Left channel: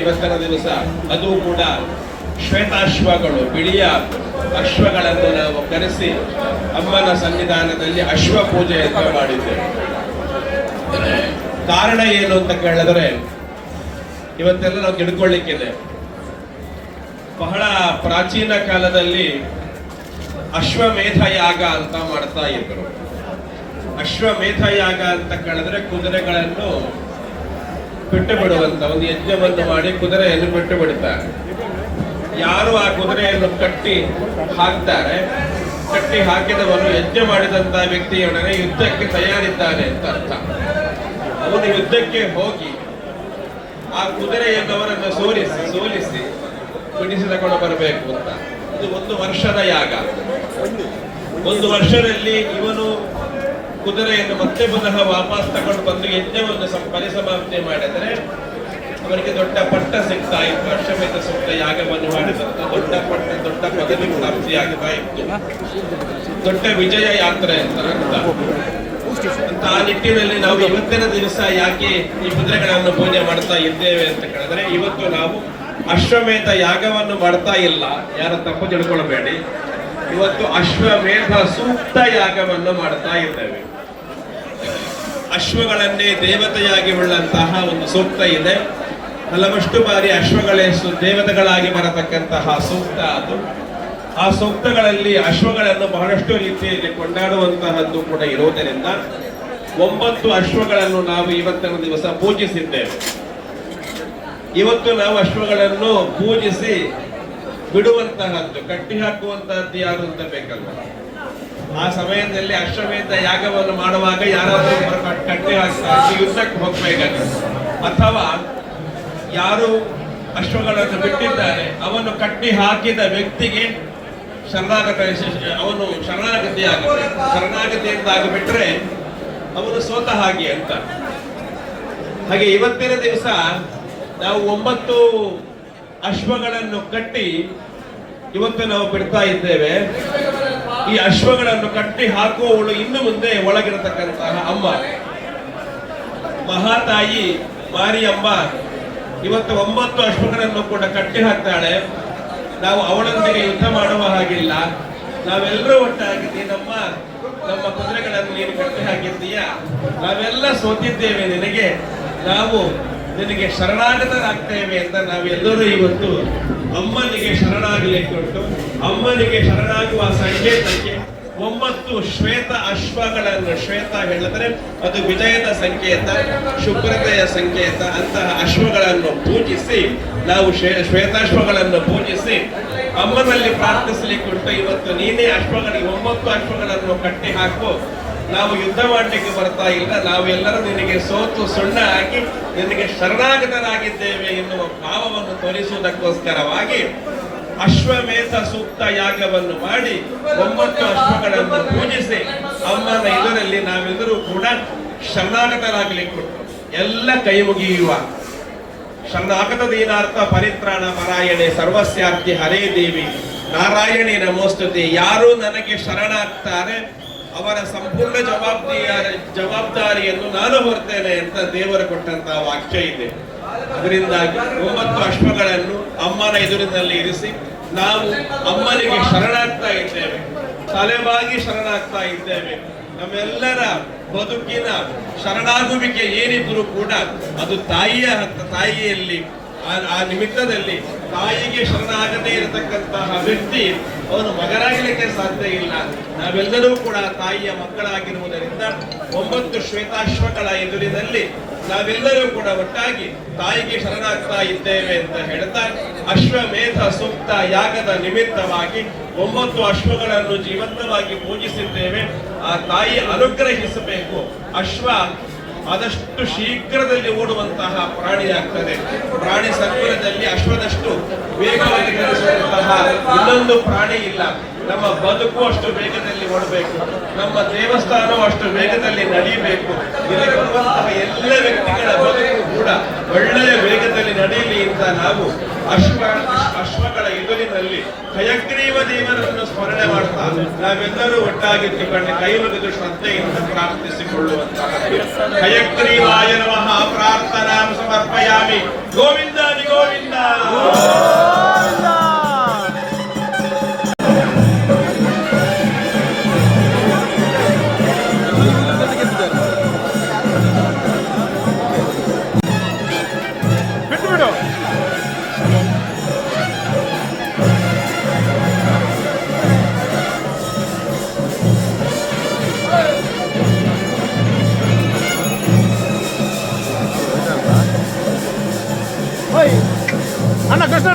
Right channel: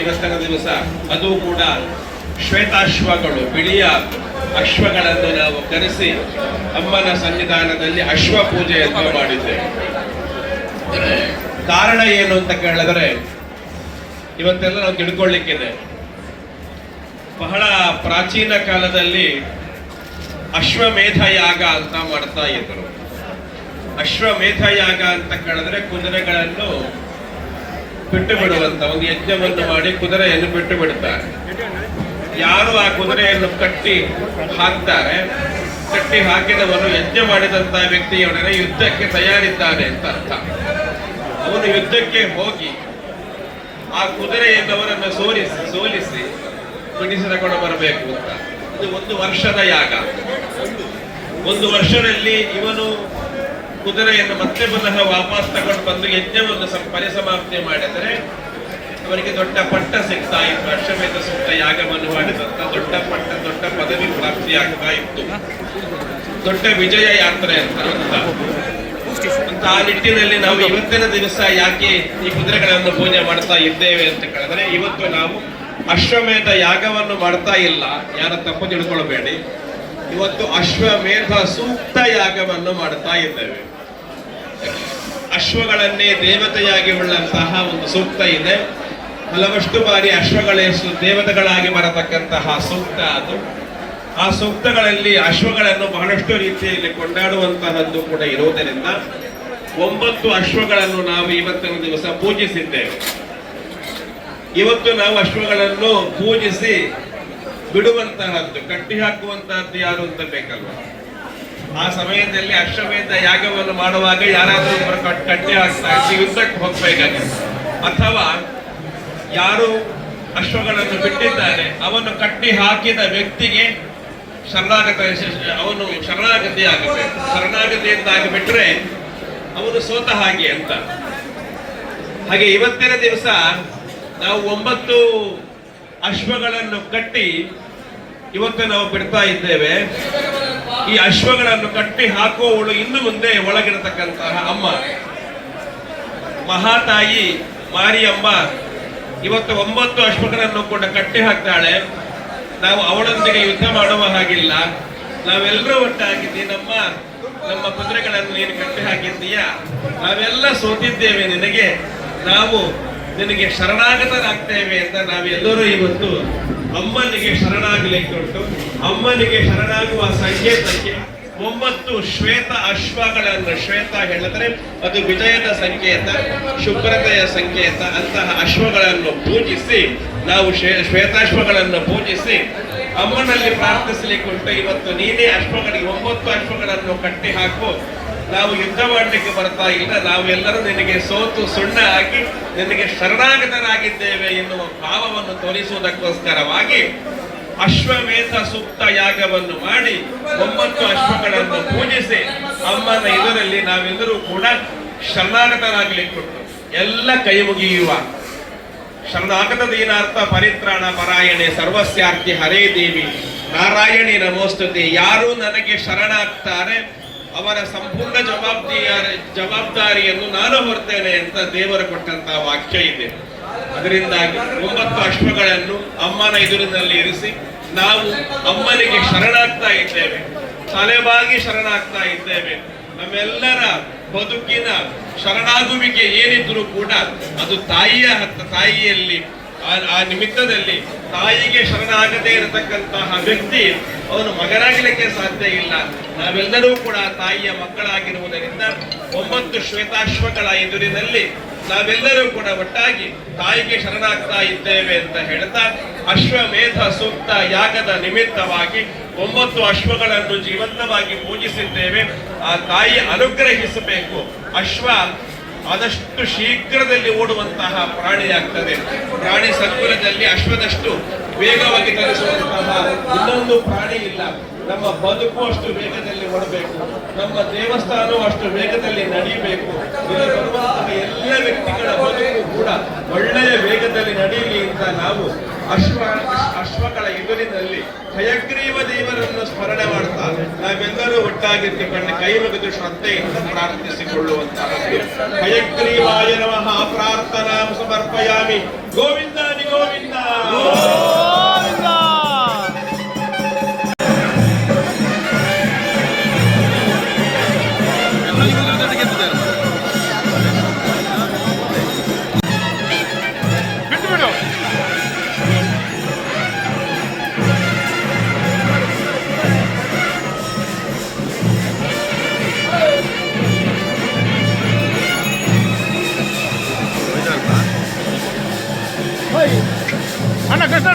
ಇವತ್ತಿನ ದಿವಸ ಅದು ಕೂಡ ಶ್ವೇತಾಶ್ವಗಳು, ಬಿಳಿಯ ಅಶ್ವಗಳನ್ನು ನಾವು ಕರೆಸಿ ಅಮ್ಮನ ಸನ್ನಿಧಾನದಲ್ಲಿ ಅಶ್ವ ಪೂಜೆಯನ್ನು ಮಾಡಿದ್ದೇವೆ. ಕಾರಣ ಏನು ಅಂತ ಕೇಳಿದ್ರೆ, ಇವತ್ತೆಲ್ಲ ನಾವು ತಿಳ್ಕೊಳ್ಳಿಕ್ಕಿದೆ. ಬಹಳ ಪ್ರಾಚೀನ ಕಾಲದಲ್ಲಿ ಅಶ್ವಮೇಧ ಯಾಗ ಅಂತ ಮಾಡ್ತಾ ಇದ್ರು. ಅಶ್ವಮೇಧ ಯಾಗ ಅಂತ ಕೇಳಿದ್ರೆ ಕುದುರೆಗಳನ್ನು ಬಿಟ್ಟು ಬಿಡುವಂತ ಒಂದು ಯಜ್ಞವನ್ನು ಮಾಡಿ ಕುದುರೆಯನ್ನು ಬಿಟ್ಟು ಬಿಡುತ್ತಾರೆ. ಯಾರು ಆ ಕುದುರೆಯನ್ನು ಕಟ್ಟಿ ಹಾಕ್ತಾರೆ, ಕಟ್ಟಿ ಹಾಕಿದವನು ಯಜ್ಞ ಮಾಡಿದಂತಹ ವ್ಯಕ್ತಿಯೊಡನೆ ಯುದ್ಧಕ್ಕೆ ತಯಾರಿದ್ದಾನೆ ಅಂತ ಅರ್ಥ. ಅವನು ಯುದ್ಧಕ್ಕೆ ಹೋಗಿ ಆ ಕುದುರೆಯನ್ನವರನ್ನು ಸೋಲಿಸಿ ಬಿಡಿಸಿ ತಗೊಂಡು ಬರಬೇಕು ಅಂತ. ಇದು 1 ವರ್ಷದ ಯಾಗ. 1 ವರ್ಷದಲ್ಲಿ ಇವನು ಕುದುರೆಯನ್ನು ಮತ್ತೆ ಪುನಃ ವಾಪಸ್ ತಗೊಂಡು ಬಂದು ಯಜ್ಞವನ್ನು ಪರಿಸಮಾಪ್ತಿ ಮಾಡಿದರೆ ಅವರಿಗೆ ದೊಡ್ಡ ಪಟ್ಟ ಸಿಗ್ತಾ ಇತ್ತು. ಅಶ್ವಮೇಧ ಸೂಕ್ತ ಯಾಗವನ್ನು ಮಾಡಿದಂತ ದೊಡ್ಡ ಪಟ್ಟ, ದೊಡ್ಡ ಪದವಿ ಪ್ರಾಪ್ತಿಯಾಗ್ತಾ ಇತ್ತು. ದೊಡ್ಡ ವಿಜಯ ಯಾತ್ರೆ ಅಂತ ಆ ನಿಟ್ಟಿನಲ್ಲಿ ನಾವು ಇವತ್ತಿನ ದಿವಸ ಯಾಕೆ ಈ ಕುದುರೆಗಳನ್ನು ಪೂಜೆ ಮಾಡ್ತಾ ಇದ್ದೇವೆ ಅಂತ ಹೇಳಿದ್ರೆ, ಇವತ್ತು ನಾವು ಅಶ್ವಮೇಧ ಯಾಗವನ್ನು ಮಾಡ್ತಾ ಇಲ್ಲ, ಯಾರ ತಪ್ಪು ತಿಳ್ಕೊಳ್ಬೇಡಿ. ಇವತ್ತು ಅಶ್ವಮೇಧ ಸೂಕ್ತ ಯಾಗವನ್ನು ಮಾಡ್ತಾ ಇದ್ದೇವೆ. ಅಶ್ವಗಳನ್ನೇ ದೇವತೆಯಾಗಿ ಉಳ್ಳಂತಹ ಒಂದು ಸೂಕ್ತ ಇದೆ. ಹಲವಷ್ಟು ಬಾರಿ ಅಶ್ವಗಳೇ ದೇವತೆಗಳಾಗಿ ಬರತಕ್ಕಂತಹ ಸೂಕ್ತ ಅದು. ಆ ಸೂಕ್ತಗಳಲ್ಲಿ ಅಶ್ವಗಳನ್ನು ಬಹಳಷ್ಟು ರೀತಿಯಲ್ಲಿ ಕೊಂಡಾಡುವಂತಹದ್ದು ಕೂಡ ಇರುವುದರಿಂದ 9 ಅಶ್ವಗಳನ್ನು ನಾವು ಇವತ್ತಿನ ದಿವಸ ಪೂಜಿಸಿದ್ದೇವೆ. ಇವತ್ತು ನಾವು ಅಶ್ವಗಳನ್ನು ಪೂಜಿಸಿ ಬಿಡುವಂತಹದ್ದು, ಕಟ್ಟಿ ಹಾಕುವಂತಹದ್ದು ಯಾರು ಅಂತ ಬೇಕಲ್ವ. ಆ ಸಮಯದಲ್ಲಿ ಅಶ್ವಮೇಧ ಯಾಗವನ್ನು ಮಾಡುವಾಗ ಯಾರಾದರೂ ಕಟ್ಟಿ ಹಾಕ್ತಾ ಯುದ್ಧಕ್ಕೆ ಹೋಗ್ಬೇಕಾಗಿದೆ, ಅಥವಾ ಯಾರು ಅಶ್ವಗಳನ್ನು ಬಿಟ್ಟಿದ್ದಾರೆ ಅವನು ಕಟ್ಟಿ ಹಾಕಿದ ವ್ಯಕ್ತಿಗೆ ಅವನು ಶರಣಾಗತಿ ಆಗಬೇಕು. ಶರಣಾಗತಿ ಅಂತ ಆಗಿಬಿಟ್ರೆ ಅವನು ಸೋತ ಹಾಗೆ ಅಂತ. ಹಾಗೆ ಇವತ್ತಿನ ದಿವಸ ನಾವು 9 ಅಶ್ವಗಳನ್ನು ಕಟ್ಟಿ ಇವತ್ತು ನಾವು ಬಿಡ್ತಾ ಇದ್ದೇವೆ. ಈ ಅಶ್ವಗಳನ್ನು ಕಟ್ಟಿ ಹಾಕುವವಳು ಇನ್ನು ಮುಂದೆ ಒಳಗಿರತಕ್ಕಂತಹ ಅಮ್ಮ ಮಹಾತಾಯಿ ಮಾರಿಯಮ್ಮ ಇವತ್ತು 9 ಅಶ್ವಗಳನ್ನು ಕೂಡ ಕಟ್ಟಿ ಹಾಕ್ತಾಳೆ. ನಾವು ಅವಳೊಂದಿಗೆ ಯುದ್ಧ ಮಾಡುವ ಹಾಗಿಲ್ಲ. ನಾವೆಲ್ಲರೂ ಒಟ್ಟಾಗಿದ್ದೀವಿ. ನಮ್ಮ ಕುದುರೆಗಳನ್ನು ನೀನು ಕಟ್ಟಿ ಹಾಕಿದ್ದೀಯಾ, ನಾವೆಲ್ಲ ಸೋತಿದ್ದೇವೆ, ನಾವು ನಿನಗೆ ಶರಣಾಗತರಾಗ್ತೇವೆ ಅಂತ ನಾವೆಲ್ಲರೂ ಇವತ್ತು ಅಮ್ಮನಿಗೆ ಶರಣಾಗಲಿಕ್ಕೆ ಉಂಟು. ಅಮ್ಮನಿಗೆ ಶರಣಾಗುವ ಸಂಕೇತಕ್ಕೆ 9 ಶ್ವೇತ ಅಶ್ವಗಳನ್ನು, ಶ್ವೇತ ಹೇಳಿದ್ರೆ ಅದು ವಿಜಯದ ಸಂಕೇತ, ಶುಭ್ರತೆಯ ಸಂಕೇತ, ಅಂತಹ ಅಶ್ವಗಳನ್ನು ಪೂಜಿಸಿ ನಾವು ಶ್ವೇತಾಶ್ವಗಳನ್ನು ಪೂಜಿಸಿ ಅಮ್ಮನಲ್ಲಿ ಪ್ರಾರ್ಥಿಸಲಿಕ್ಕೆ ಉಂಟು. ಇವತ್ತು ನೀನೇ ಅಶ್ವಗಳಿಗೆ 9 ಅಶ್ವಗಳನ್ನು ಕಟ್ಟಿ ಹಾಕು, ನಾವು ಯುದ್ಧ ಮಾಡಲಿಕ್ಕೆ ಬರ್ತಾ ಇಲ್ಲ, ನಾವೆಲ್ಲರೂ ನಿನಗೆ ಸೋತು ಸುಣ್ಣ ಹಾಕಿ ನಿನಗೆ ಶರಣಾಗತರಾಗಿದ್ದೇವೆ ಎನ್ನುವ ಭಾವವನ್ನು ತೋರಿಸುವುದಕ್ಕೋಸ್ಕರವಾಗಿ ಅಶ್ವಮೇಧ ಸೂಕ್ತ ಯಾಗವನ್ನು ಮಾಡಿ 9 ಅಶ್ವಗಳನ್ನು ಪೂಜಿಸಿ ಅಮ್ಮನ ಎದುರಲ್ಲಿ ನಾವೆಲ್ಲರೂ ಕೂಡ ಶರಣಾಗತರಾಗಲಿಕ್ಕೆ ಉಂಟು. ಎಲ್ಲ ಕೈ ಮುಗಿಯುವ ಶರಣಾಗತ ದೀನಾರ್ಥ ಪರಿತ್ರಾಣ ಪರಾಯಣೆ ಸರ್ವಸ್ಯಾರ್ಥಿ ಹರೇ ದೇವಿ ನಾರಾಯಣಿ ನಮೋಸ್ತುತಿ. ಯಾರು ನನಗೆ ಶರಣಾಗ್ತಾರೆ ಅವರ ಸಂಪೂರ್ಣ ಜವಾಬ್ದಾರಿಯನ್ನು ನಾನು ಹೊರ್ತೇನೆ ಅಂತ ದೇವರು ಕೊಟ್ಟಂತಹ ವಾಕ್ಯ ಇದೆ. ಅದರಿಂದಾಗಿ 9 ಅಶ್ವಗಳನ್ನು ಅಮ್ಮನ ಎದುರಿನಲ್ಲಿ ಇರಿಸಿ ನಾವು ಅಮ್ಮನಿಗೆ ಶರಣಾಗ್ತಾ ಇದ್ದೇವೆ, ತಲೆಬಾಗಿ ಶರಣಾಗ್ತಾ ಇದ್ದೇವೆ. ನಮ್ಮೆಲ್ಲರ ಬದುಕಿನ ಶರಣಾಗುವಿಕೆ ಏನಿದ್ರೂ ಕೂಡ ಅದು ತಾಯಿಯಲ್ಲಿ ಆ ನಿಮಿತ್ತದಲ್ಲಿ ತಾಯಿಗೆ ಶರಣಾಗದೇ ಇರತಕ್ಕಂತಹ ವ್ಯಕ್ತಿ ಅವನು ಮಗನಾಗಲಿಕ್ಕೆ ಸಾಧ್ಯ ಇಲ್ಲ. ನಾವೆಲ್ಲರೂ ಕೂಡ ತಾಯಿಯ ಮಕ್ಕಳಾಗಿರುವುದರಿಂದ 9 ಶ್ವೇತಾಶ್ವಗಳ ಎದುರಿನಲ್ಲಿ ನಾವೆಲ್ಲರೂ ಕೂಡ ಒಟ್ಟಾಗಿ ತಾಯಿಗೆ ಶರಣಾಗ್ತಾ ಇದ್ದೇವೆ ಅಂತ ಹೇಳ್ತಾ ಅಶ್ವಮೇಧ ಸೂಕ್ತ ಯಾಗದ ನಿಮಿತ್ತವಾಗಿ 9 ಅಶ್ವಗಳನ್ನು ಜೀವಂತವಾಗಿ ಪೂಜಿಸಿದ್ದೇವೆ. ಆ ತಾಯಿ ಅನುಗ್ರಹಿಸಬೇಕು. ಅಶ್ವ ಆದಷ್ಟು ಶೀಘ್ರದಲ್ಲಿ ಓಡುವಂತಹ ಪ್ರಾಣಿಯಾಗ್ತದೆ. ಪ್ರಾಣಿ ಸಂಕುಲದಲ್ಲಿ ಅಶ್ವದಷ್ಟು ವೇಗವಾಗಿ ಧರಿಸುವಂತಹ ಇನ್ನೊಂದು ಪ್ರಾಣಿ ಇಲ್ಲ. ನಮ್ಮ ಬದುಕು ಅಷ್ಟು ವೇಗದಲ್ಲಿ ಓಡಬೇಕು, ನಮ್ಮ ದೇವಸ್ಥಾನವು ಅಷ್ಟು ವೇಗದಲ್ಲಿ ನಡೆಯಬೇಕು. ಇಲ್ಲಿ ಬರುವಂತಹ ಎಲ್ಲ ವ್ಯಕ್ತಿಗಳ ಬದುಕು ಕೂಡ ಒಳ್ಳೆಯ ವೇಗದಲ್ಲಿ ನಡೆಯಲಿ ಅಂತ ನಾವು ಅಶ್ವಗಳ ಎದುರಿನಲ್ಲಿ ಹಯಗ್ರೀವ ದೇವರನ್ನು ಸ್ಮರಣೆ ಮಾಡ್ತಾ ನಾವೆಲ್ಲರೂ ಒಟ್ಟಾಗಿರ್ತಿಕೊಂಡು ಕೈ ಮುಗಿದು ಶ್ರದ್ಧೆಯಿಂದ ಪ್ರಾರ್ಥಿಸಿಕೊಳ್ಳುವಂತಹ ಹಯಗ್ರೀವಾಯ ನಮಃ ಪ್ರಾರ್ಥನಾ ಸಮರ್ಪಯಾಮಿ. ಗೋವಿಂದ ಗೋವಿಂದ. ಅಣ್ಣ ಕೃಷ್ಣ